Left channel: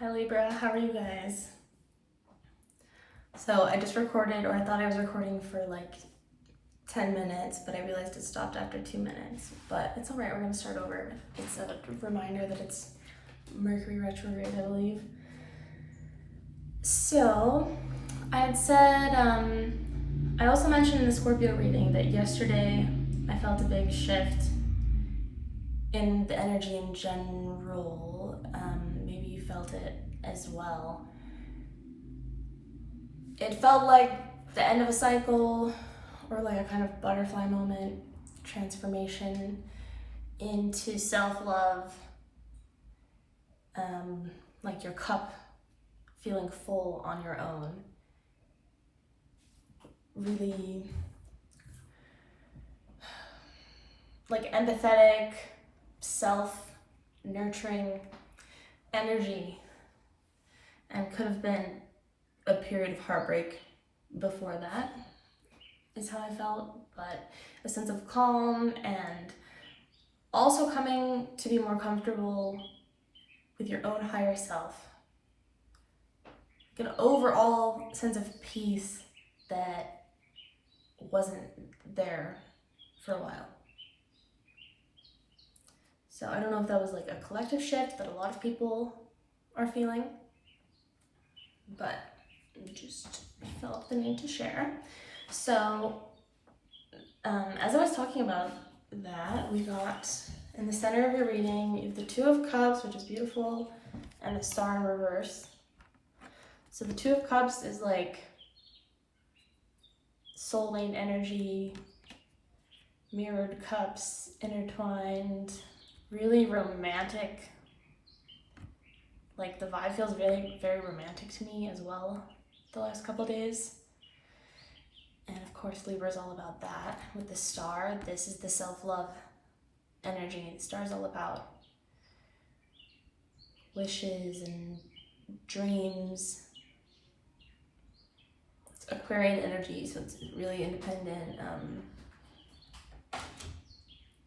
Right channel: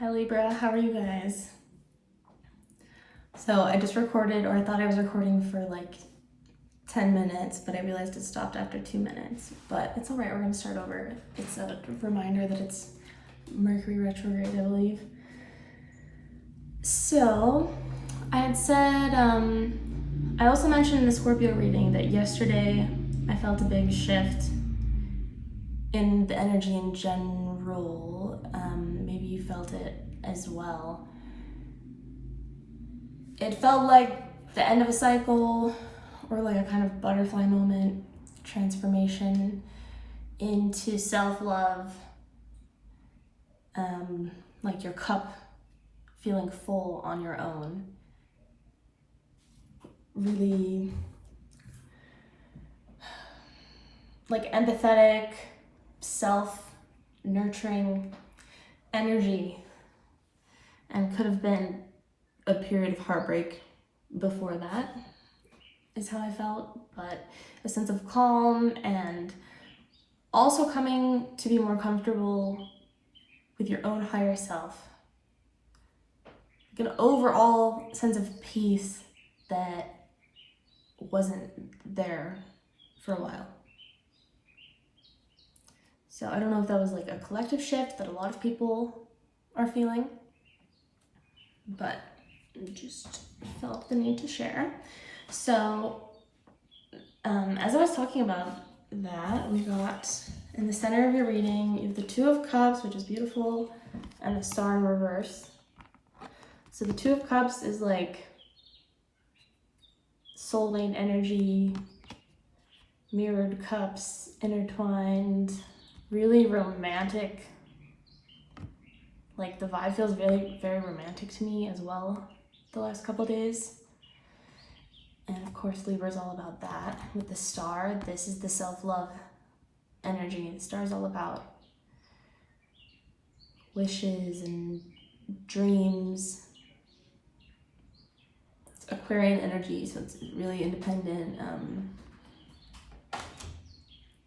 Hi Libra, how are you guys? So I just recorded, or I thought I was recording for like 10 minutes, but I realized it stopped after 2 minutes. But it's alright, we're gonna start over. It's a reminder that it's Mercury retrograde, I believe. So I had said, I also mentioned in the Scorpio reading that yesterday I felt a big shift in the energy in general. Maybe you felt it as well. It felt like the end of a cycle, or like a kind of butterfly moment, transformation into self-love, like your cup feeling full on your own. Really like empathetic, self-nurturing energy, and could have been a period of heartbreak before that, is how I felt, but a sense of calm and also coming to be more comfortable with your own higher self. Like an overall sense of peace that wasn't there for a while. So I don't know if that was like a collective shift that a lot of people are feeling, but I just felt the need to share. So as I was talking about that, we got in the center of your reading, you have the Two of Cups, which is beautiful, and the Star in reverse. So the Two of Cups is like soulmate energy, mirrored cups, intertwined, really romantic. Like the vibe feels really very romantic to me as well the last couple days. And of course Libra is all about that. With the Star, this is the self-love energy. The Star is all about wishes and dreams. It's Aquarian energy, so it's really independent.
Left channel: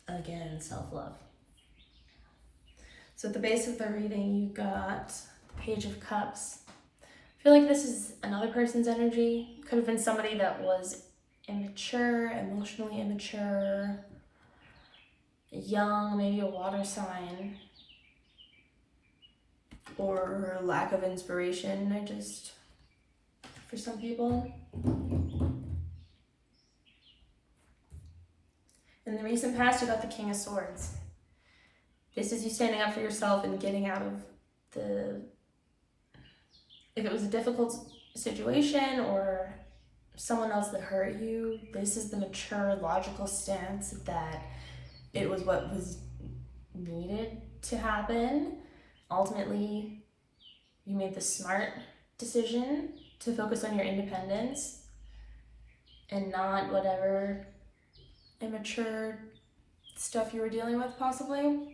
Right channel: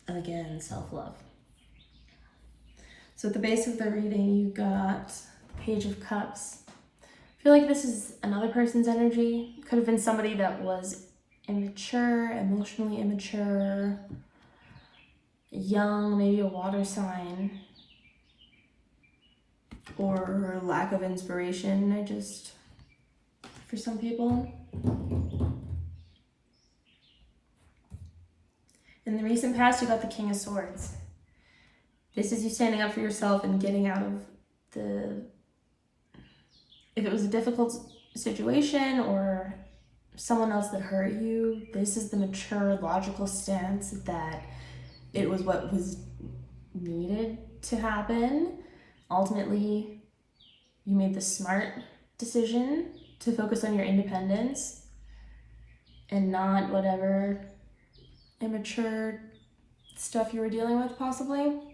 Again, self-love. So at the base of the reading, you got Page of Cups. I feel like this is another person's energy. Could have been somebody that was immature, emotionally immature, young, maybe a water sign, or lack of inspiration, for some people. In the recent past, you got the King of Swords. This is you standing up for yourself and getting out of if it was a difficult situation or someone else that hurt you, this is the mature, logical stance that it was what was needed to happen. Ultimately, you made the smart decision to focus on your independence and not whatever immature stuff you were dealing with, possibly.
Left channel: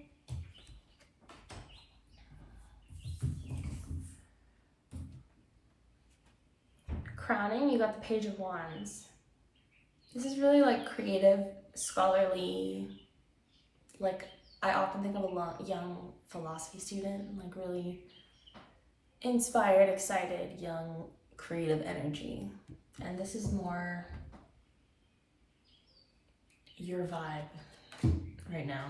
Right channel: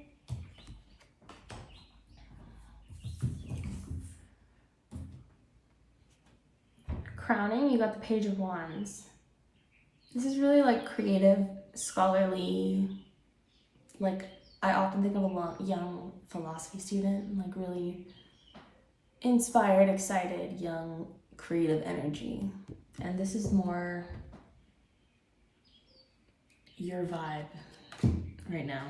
Crowning, you got the Page of Wands. This is really like creative, scholarly, like I often think of a young philosophy student, like really inspired, excited, young, creative energy. And this is more your vibe right now.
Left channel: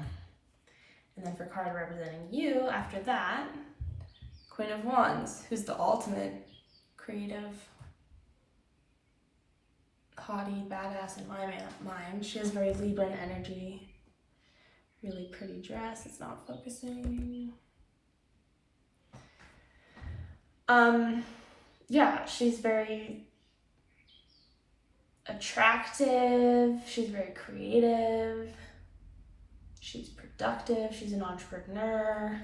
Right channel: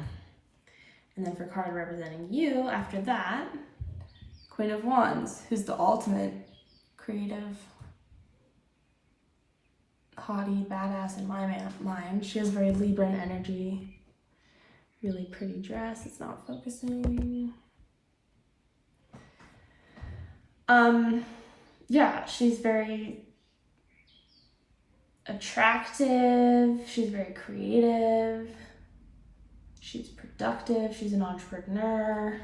And then for card representing you, after that, Queen of Wands, who's the ultimate creative, haughty, badass in my mind. She has very Libran energy. Really pretty dress. It's not focusing. Yeah, she's very attractive. She's very creative. She's productive. She's an entrepreneur.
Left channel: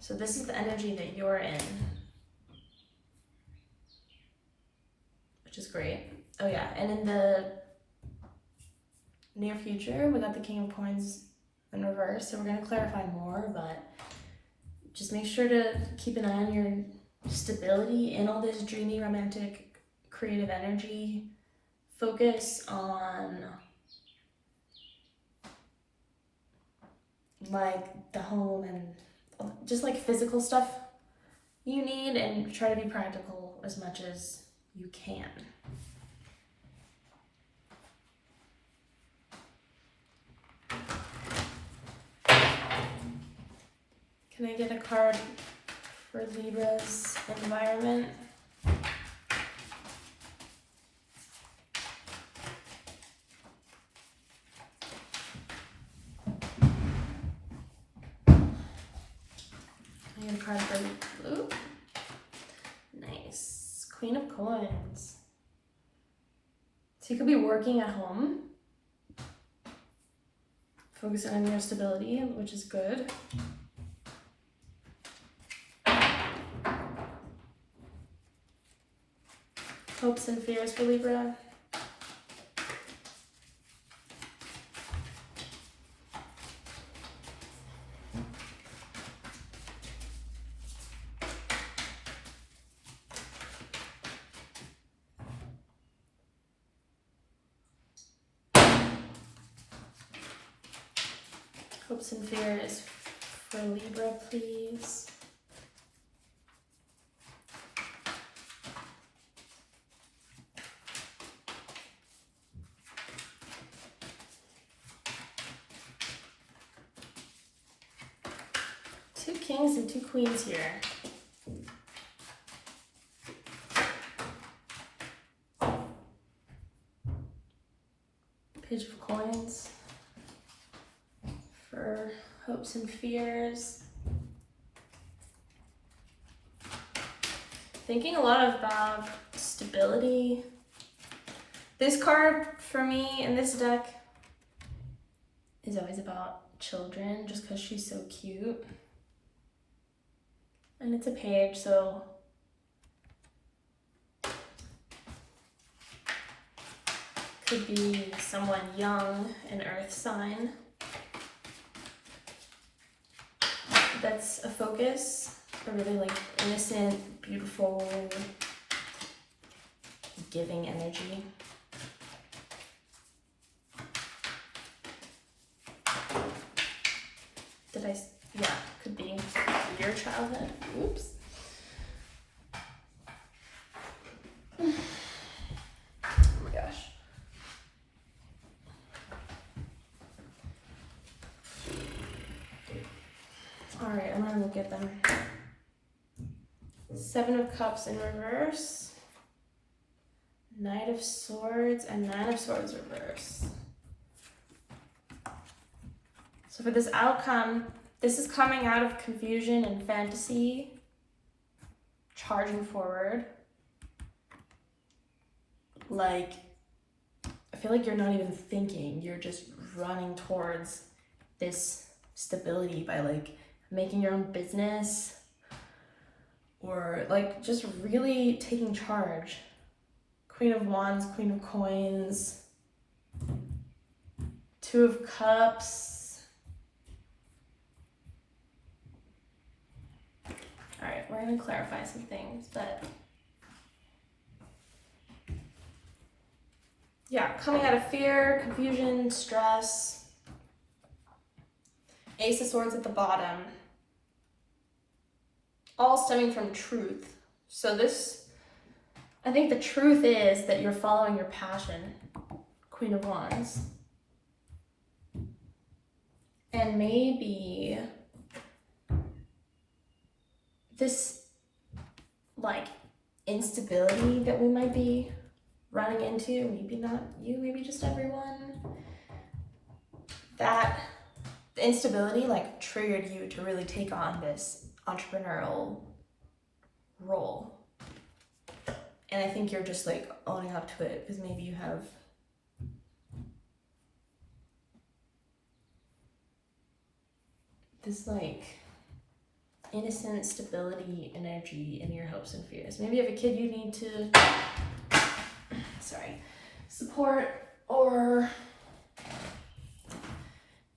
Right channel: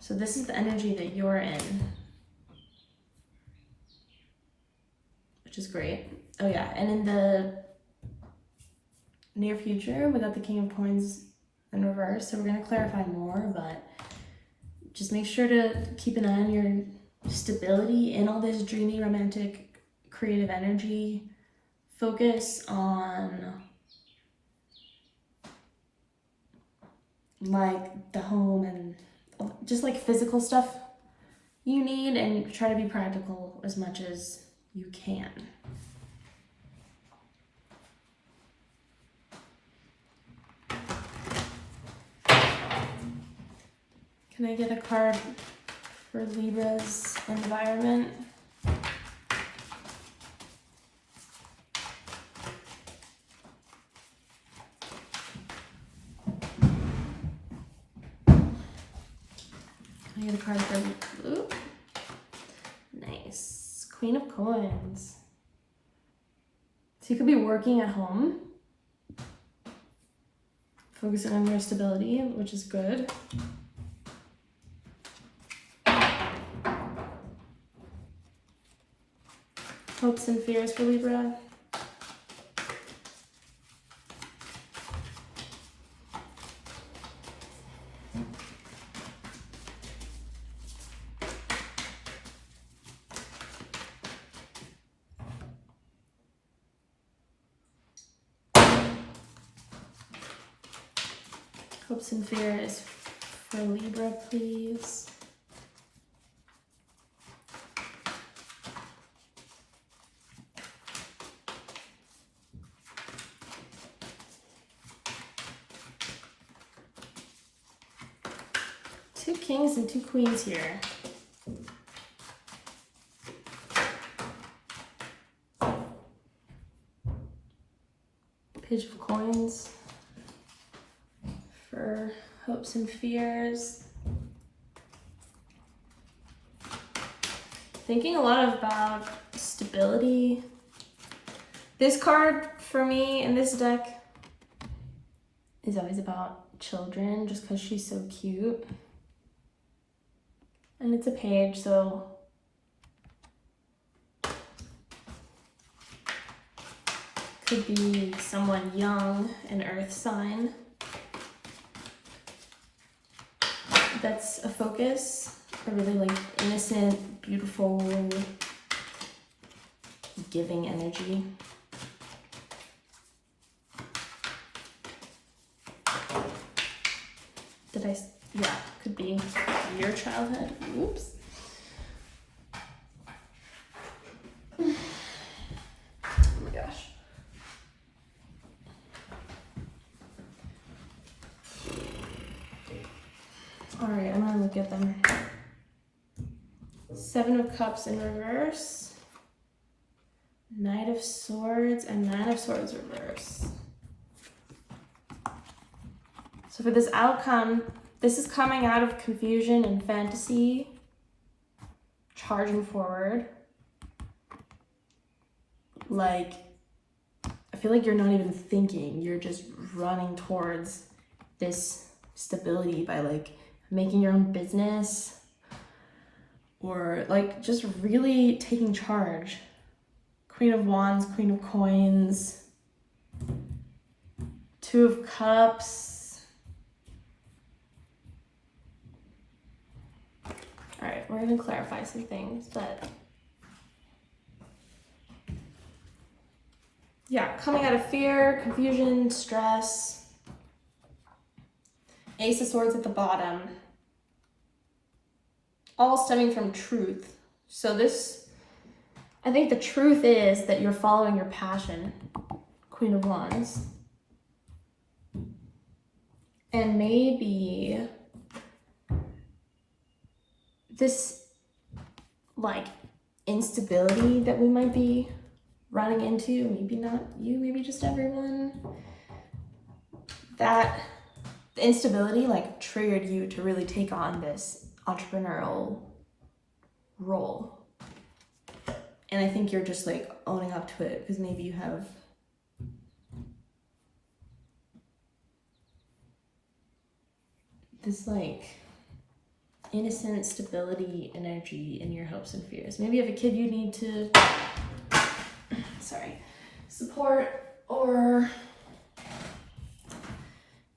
So this is the energy that you're in, which is great. Oh yeah, and in the near future, we got the King of Coins in reverse, so we're going to clarify more, but just make sure to keep an eye on your stability in all this dreamy, romantic, creative energy. Focus on like the home and just like physical stuff you need and try to be practical as much as you can. Can I get a card for Libra's environment? Can I get a card for Blue? Nice. Queen of Coins. So you could be working at home, focusing on your stability, which is good. Hopes and fears for Libra. Hopes and fears for Libra, please. Two kings and two queens here. Page of Coins for hopes and fears. Thinking a lot about stability. This card for me in this deck is always about children, just because she's so cute. And it's a page, so could be someone young, an earth sign. That's a focus, a really like innocent, beautiful, giving energy. Yeah, could be your childhood. Oops. Oh my gosh. All right, I'm gonna look at them. Seven of Cups in reverse, Knight of Swords, and Nine of Swords reverse. So for this outcome, this is coming out of confusion and fantasy, charging forward. Like, I feel like you're not even thinking, you're just running towards this stability by like making your own business or like just really taking charge. Queen of Wands, Queen of Coins, Two of Cups. All right, we're gonna clarify some things, but yeah, coming out of fear, confusion, stress. Ace of Swords at the bottom. All stemming from truth. So this, I think the truth is that you're following your passion, Queen of Wands. And maybe this like instability that we might be running into, maybe not you, maybe just everyone, that the instability like triggered you to really take on this entrepreneurial role. And I think you're just like owning up to it because maybe you have this like innocent stability energy in your hopes and fears. Maybe you have a kid you need to support, or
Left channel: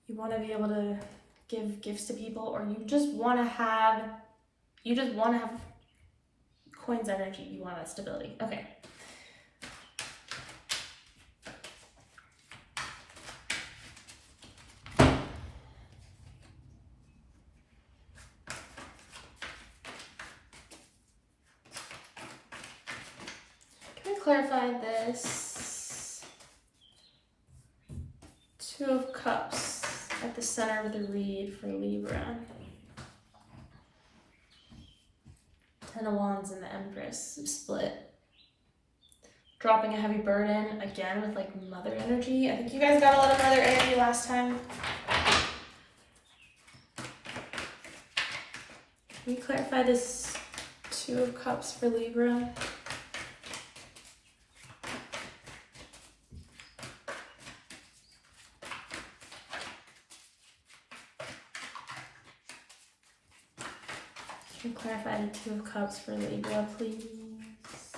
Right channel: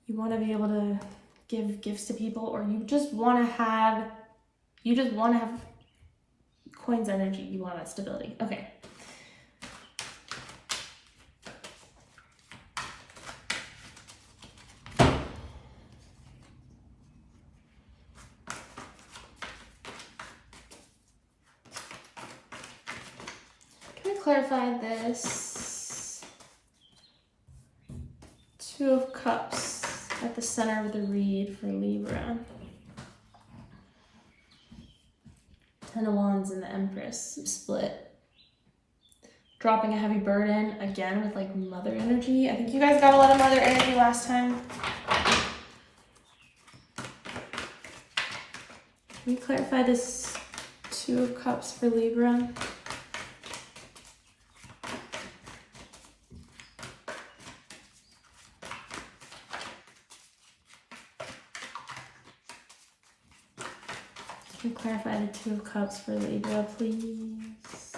you want to be able to give gifts to people, or you just want to have coins energy. You want that stability. Okay. clarify this. Two of Cups at the center of the read for Libra. Ten of Wands and the Empress split. Dropping a heavy burden again with like mother energy. I think you guys got a lot of mother energy last time. Can we clarify this Two of Cups for Libra? Can you clarify the Two of Cups for Libra, please?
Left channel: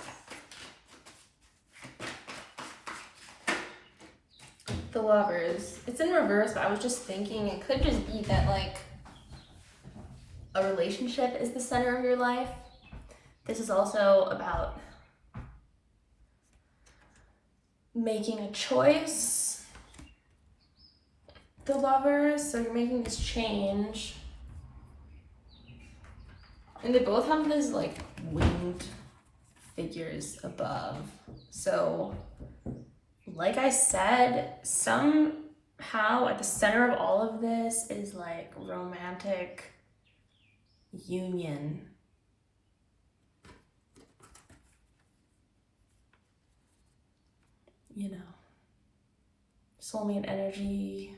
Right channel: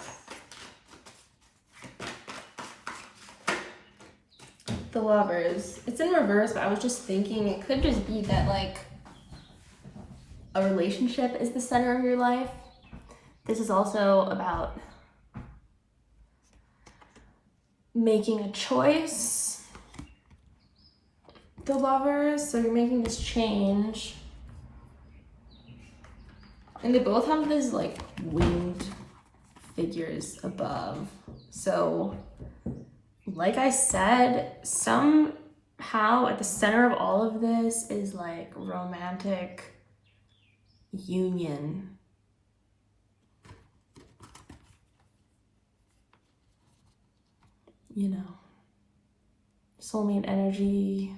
The Lovers. It's in reverse, but I was just thinking it could just be that like a relationship is the center of your life. This is also about making a choice. The Lovers, so you're making this change. And they both have these like winged figures above. So like I said, somehow at the center of all of this is like romantic union. You know, soulmate energy,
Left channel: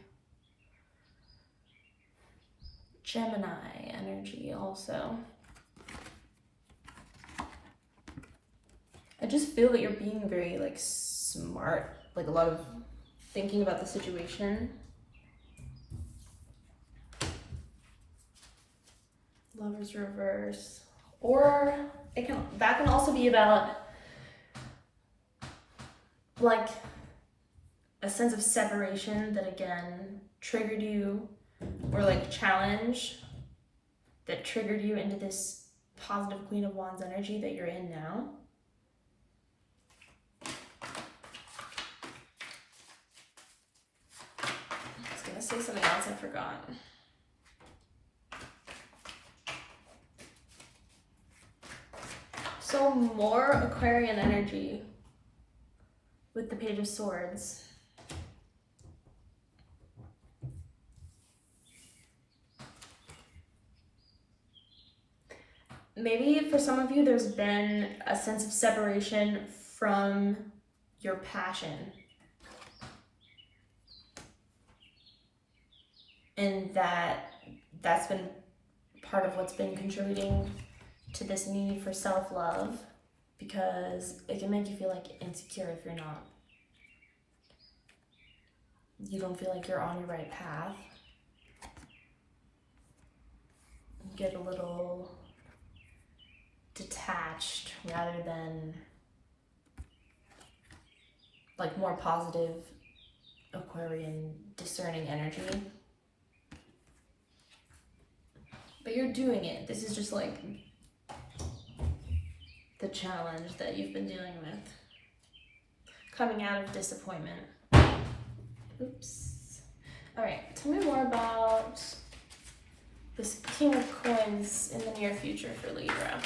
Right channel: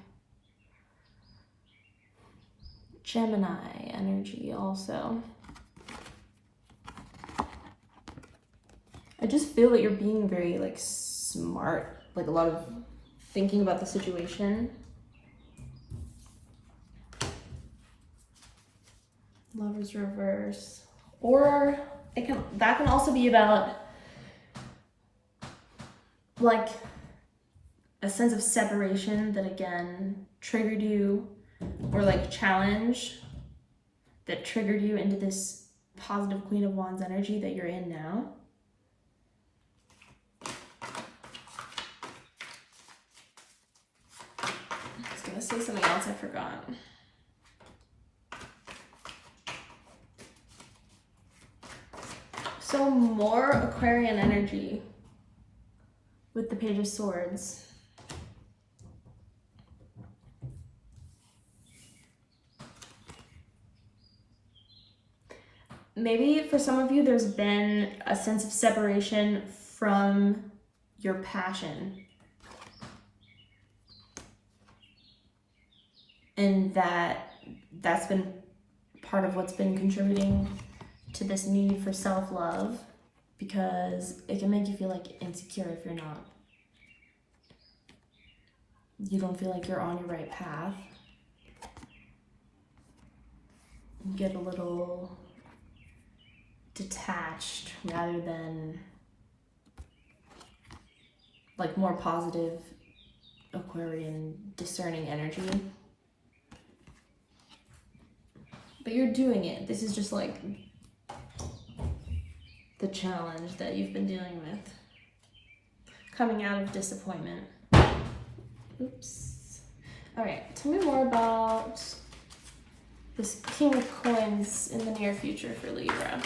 Gemini energy also. I just feel that you're being very like smart, like a lot of thinking about the situation. Lovers reverse. Or that can also be about like a sense of separation that again triggered you, or like challenge that triggered you into this positive Queen of Wands energy that you're in now. I was gonna say something else I forgot. So more Aquarian energy with the Page of Swords. Maybe for some of you, there's been a sense of separation from your passion. And that's been part of what's been contributing to this need for self-love, because it can make you feel like insecure if you don't feel like you're on your right path. You get a little detached rather than like more positive Aquarian discerning energy. But you're doing it. This is just like the challenge that you've been dealing with. Coming out of disappointment. Oops. All right, tell me more about this King of Coins in the near future for Libra.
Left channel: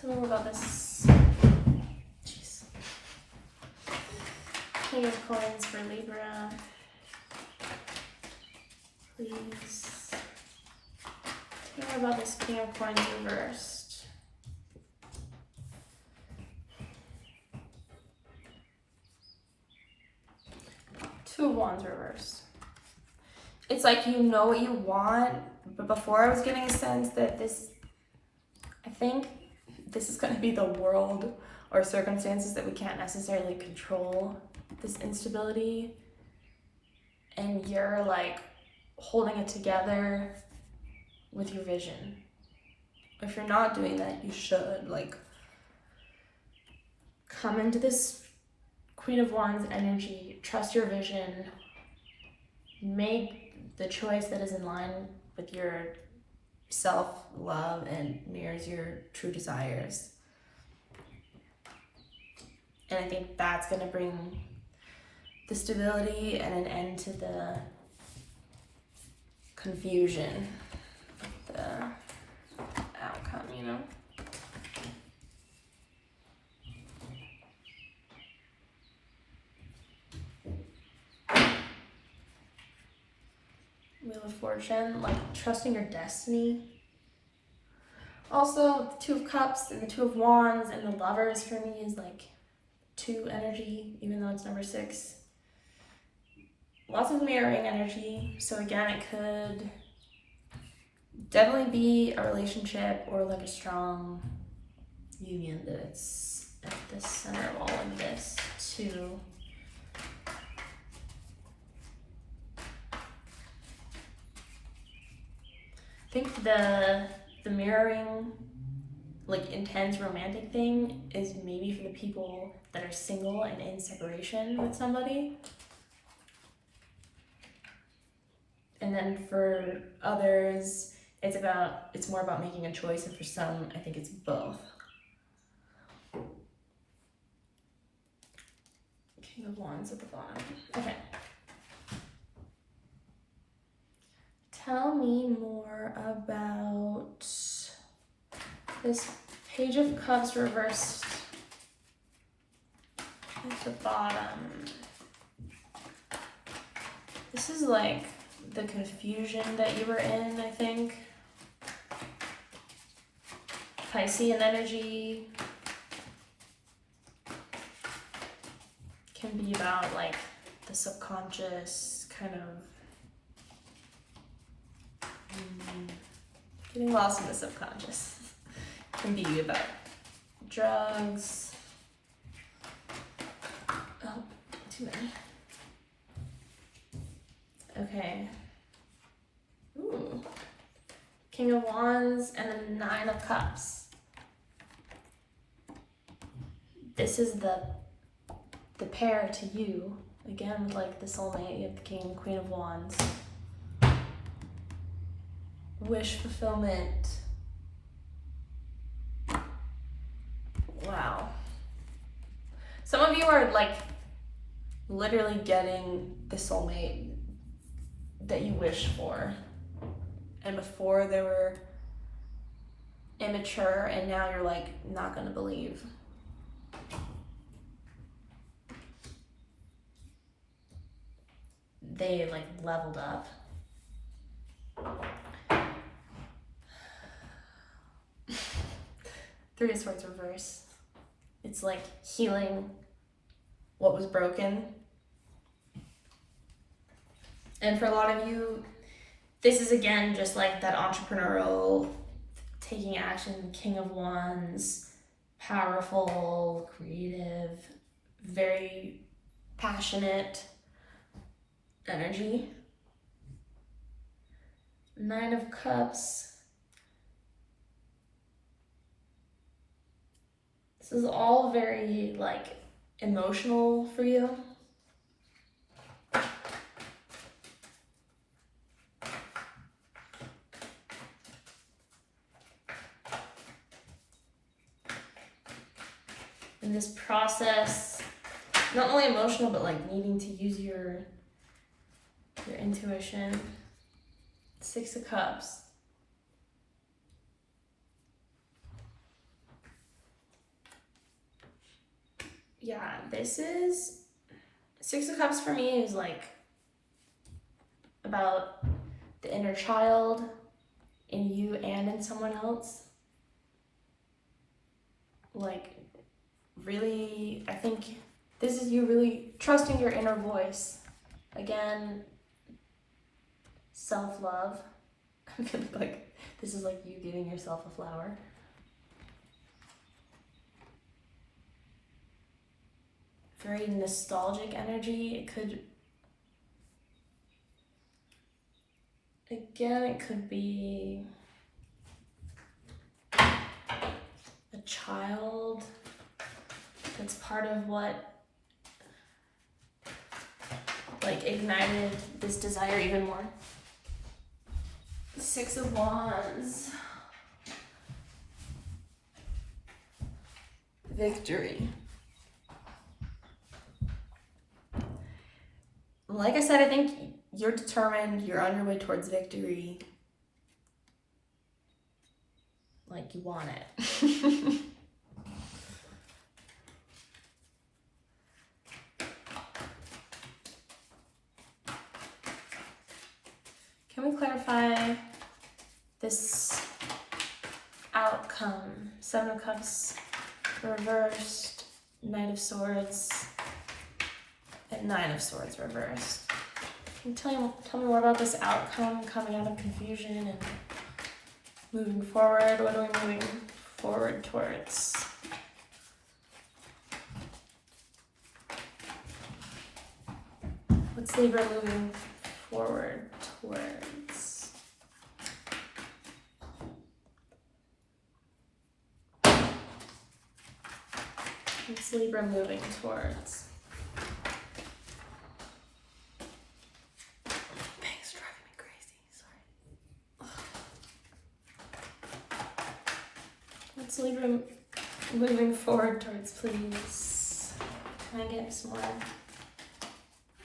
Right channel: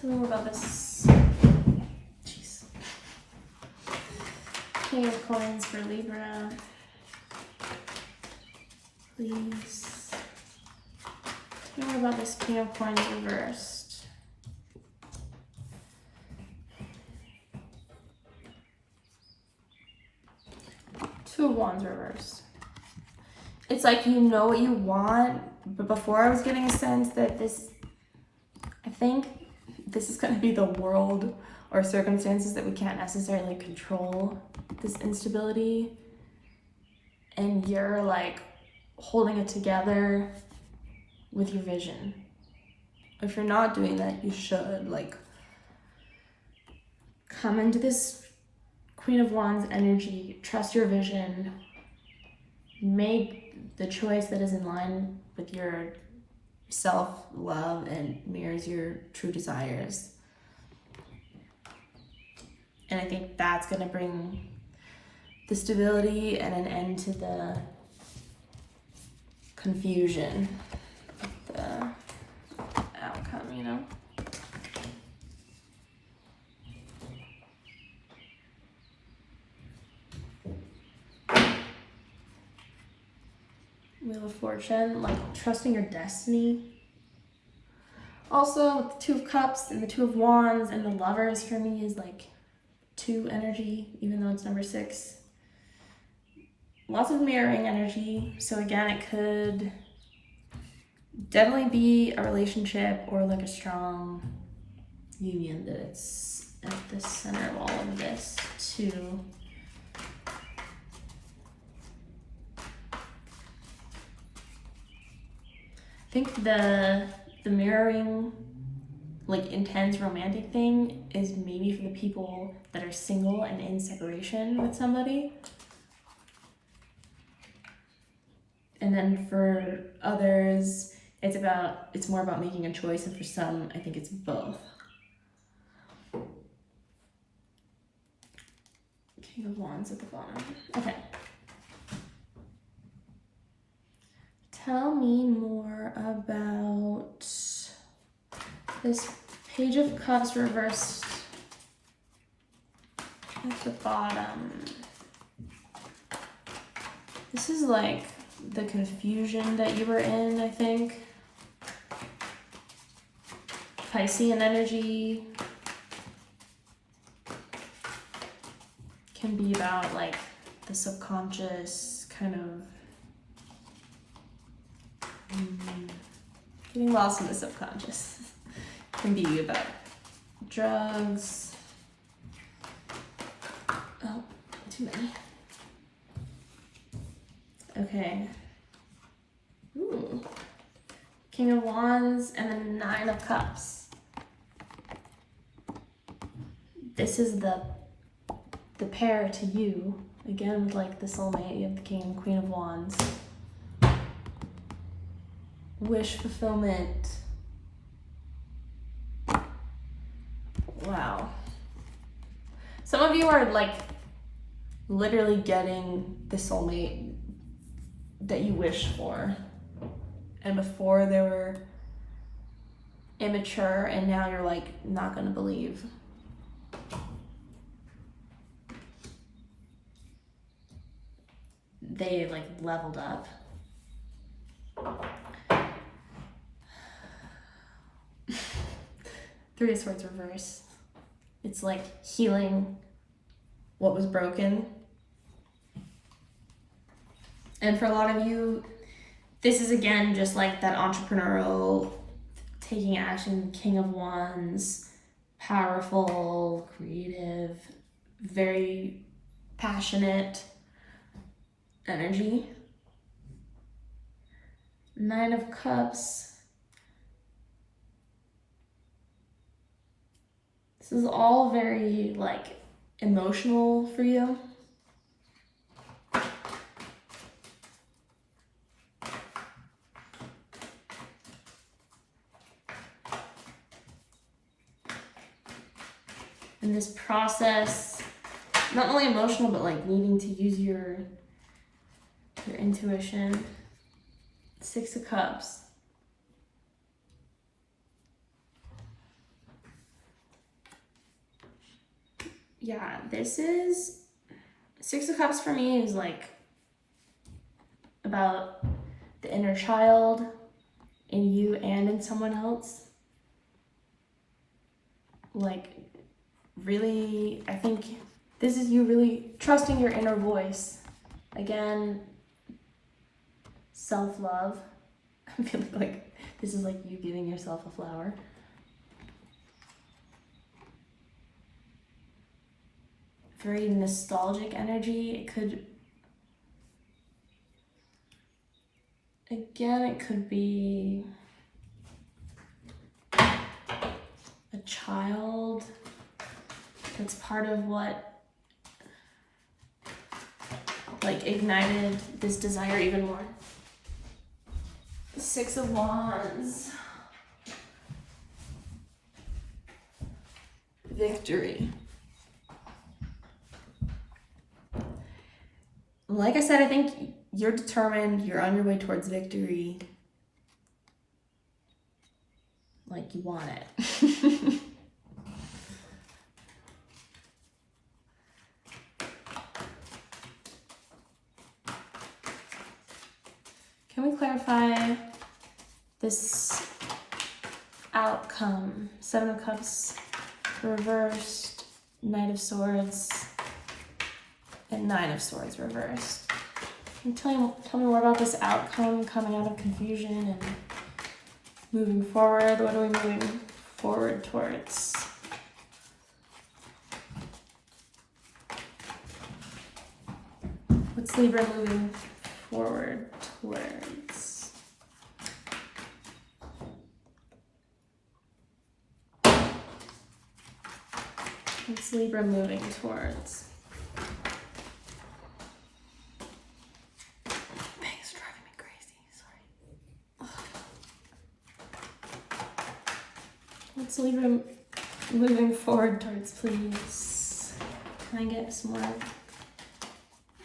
Tell me more about this. Jeez. King of Coins for Libra. Please. Tell me more about this King of Coins reversed. Two of Wands reversed. It's like you know what you want, but before I was getting a sense that I think this is going to be the world or circumstances that we can't necessarily control, this instability, and you're like holding it together with your vision. If you're not doing that, you should like come into this Queen of Wands energy, trust your vision, make the choice that is in line with your self-love and mirrors your true desires. And I think that's going to bring the stability and an end to the confusion with the outcome, you know? Wheel of Fortune, like trusting your destiny. Also, the Two of Cups and the Two of Wands and the Lovers for me is like 2 energy, even though it's number 6. Lots of mirroring energy. So again, it could definitely be a relationship or like a strong union that it's at the center of all of this too. I think the mirroring, like intense romantic thing is maybe for the people that are single and in separation with somebody. And then for others, it's more about making a choice, and for some, I think it's both. King of Wands at the bottom. Okay. Tell me more about this Page of Cups reversed at the bottom. This is like the confusion that you were in, I think. Piscean energy can be about like the subconscious kind of getting lost in the subconscious. It can be about drugs. Oh, too many. Okay. Ooh. King of Wands and then 9 of Cups. This is the pair to you. Again, with like the soulmate, you have the King and Queen of Wands. Wish fulfillment. Wow. Some of you are like literally getting the soulmate that you wish for. And before they were immature, and now you're like not gonna believe. They like leveled up. Three of Swords reverse. It's like healing what was broken. And for a lot of you, this is again just like that entrepreneurial, taking action, King of Wands, powerful, creative, very passionate energy. 9 of Cups. This is all very like emotional for you. In this process, not only emotional, but like needing to use your intuition. 6 of Cups. Yeah, this is 6 of Cups for me is like about the inner child in you and in someone else. Like really, I think this is you really trusting your inner voice. Again, self-love. I'm feeling like this is like you giving yourself a flower. Very nostalgic energy. It could, again, it could be a child that's part of what like ignited this desire even more. 6 of Wands. Victory. Like I said, I think you're determined, you're on your way towards victory. Like, you want it. Can we clarify this outcome? Seven of Cups reversed, Knight of Swords, and Nine of Swords reversed. Can you tell me more about this outcome coming out of confusion and moving forward? What are we moving forward towards? What's Libra moving forward towards? What's Libra moving towards? It's driving me crazy, sorry. What's Libra moving forward towards, please? Can I get some more?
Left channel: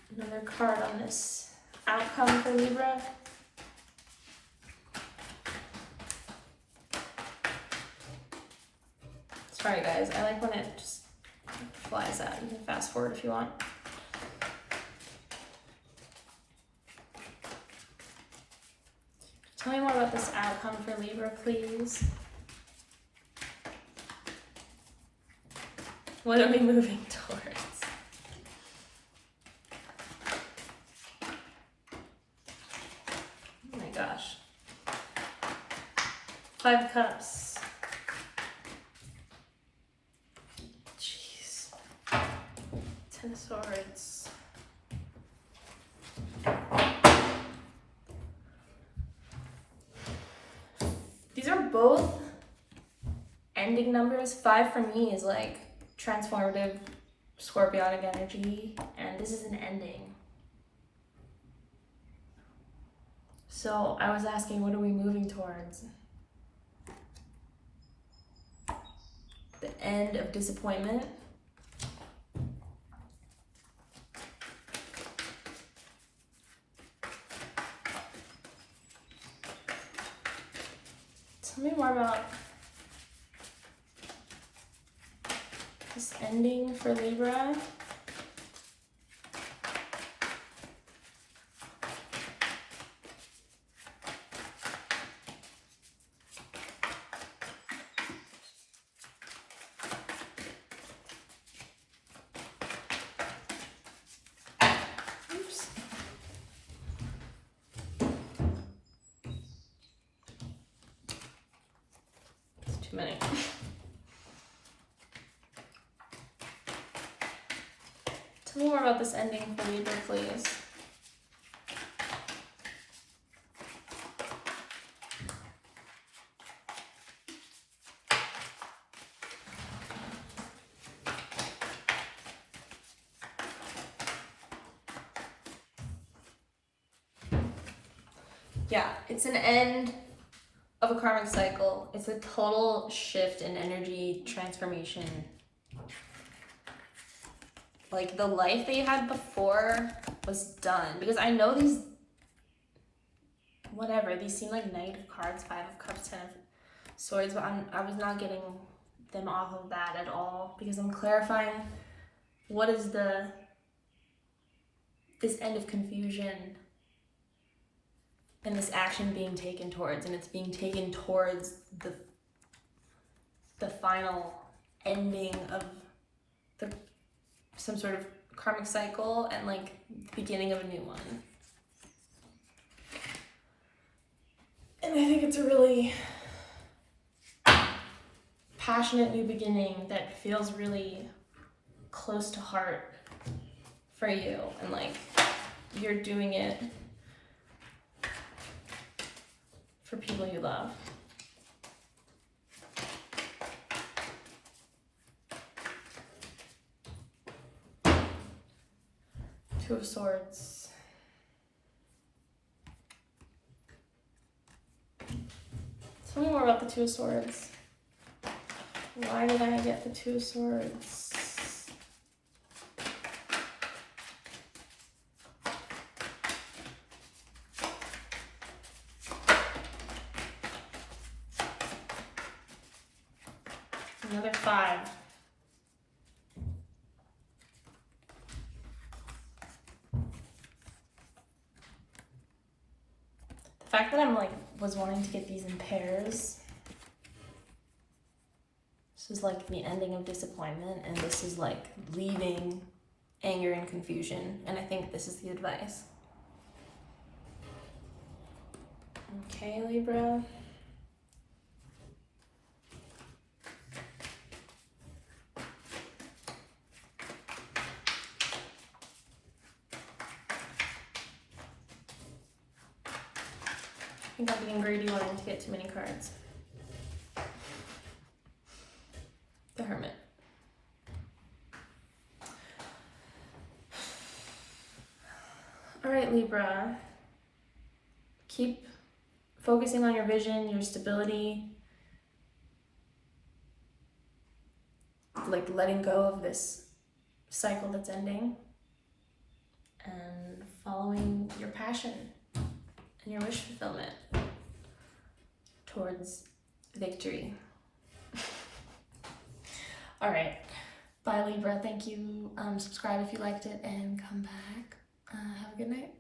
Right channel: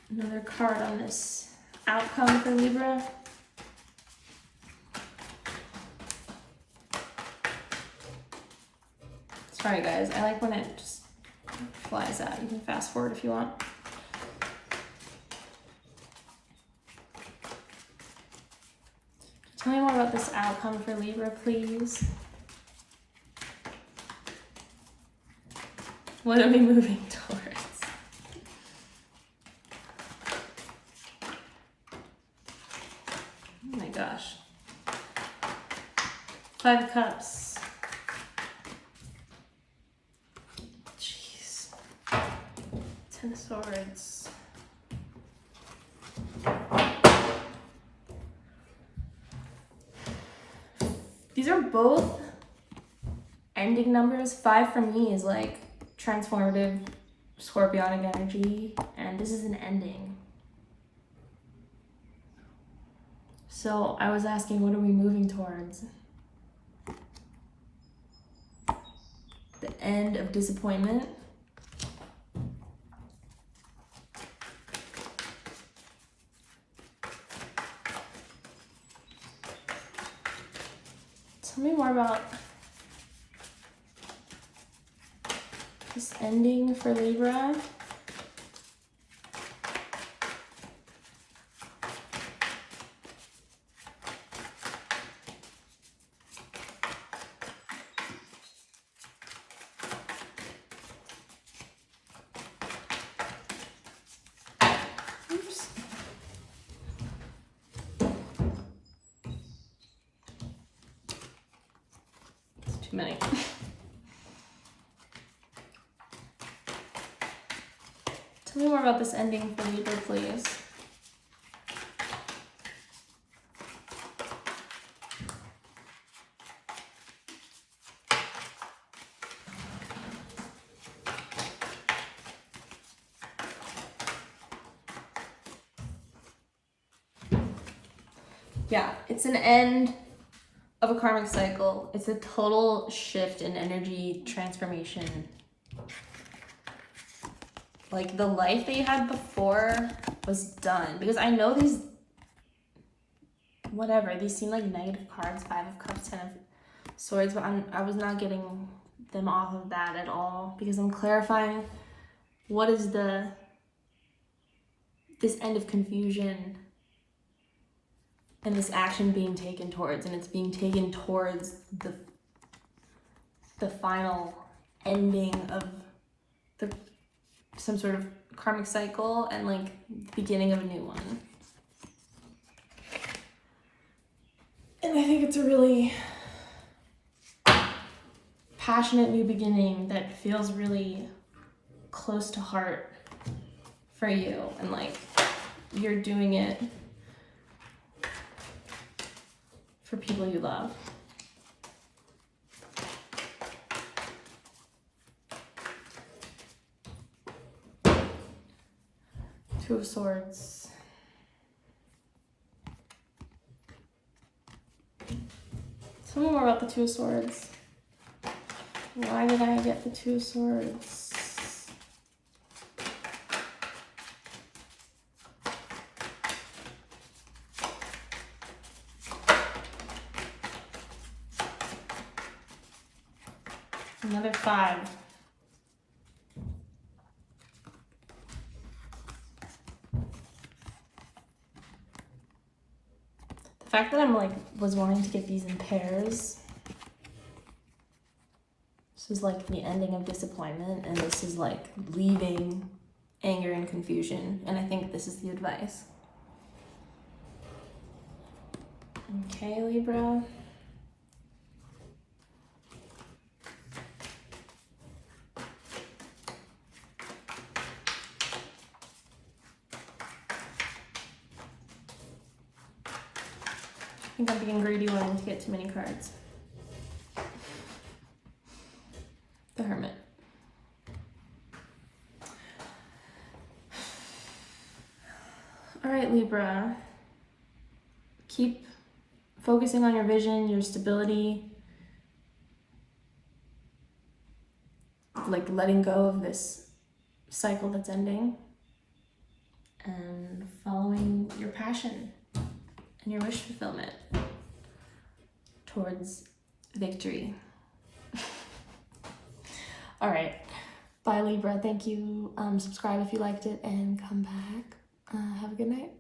Another card on this outcome for Libra. Sorry guys, I like when it just flies out. You can fast forward if you want. Tell me more about this outcome for Libra, please. What are we moving towards? Oh my gosh. Five of Cups. Jeez. Ten of Swords. These are both ending numbers. 5 for me is like transformative scorpionic energy, and this is an ending. So I was asking, what are we moving towards? The end of disappointment. Tell me more about this ending for Libra. Oops. It's too many. Tell me more about this ending for Libra, please. Yeah, it's an end of a karmic cycle. It's a total shift in energy transformation. Like, the life that you had before was done. Because I know these, whatever, these seem like negative cards. 5 of Cups, 10 of Swords, but I was not getting them off of that at all. Because I'm clarifying what is this end of confusion and this action being taken towards, and it's being taken towards the final ending of some sort of karmic cycle and like the beginning of a new one. And I think it's a really passionate new beginning that feels really close to heart for you, and like you're doing it for people you love. Two of Swords. Tell me more about the Two of Swords. Why did I get the Two of Swords? Another 5. The fact that I'm like, was wanting to get these in pairs. This is like the ending of disappointment, and this is like leaving anger and confusion. And I think this is the advice. Okay, Libra. I think I'm being greedy wanting to get too many cards. The Hermit. All right, Libra. Keep focusing on your vision, your stability, like letting go of this cycle that's ending, and following your passion and your wish fulfillment towards victory. All right. Bye, Libra. Thank you. Subscribe if you liked it and come back. Have a good night.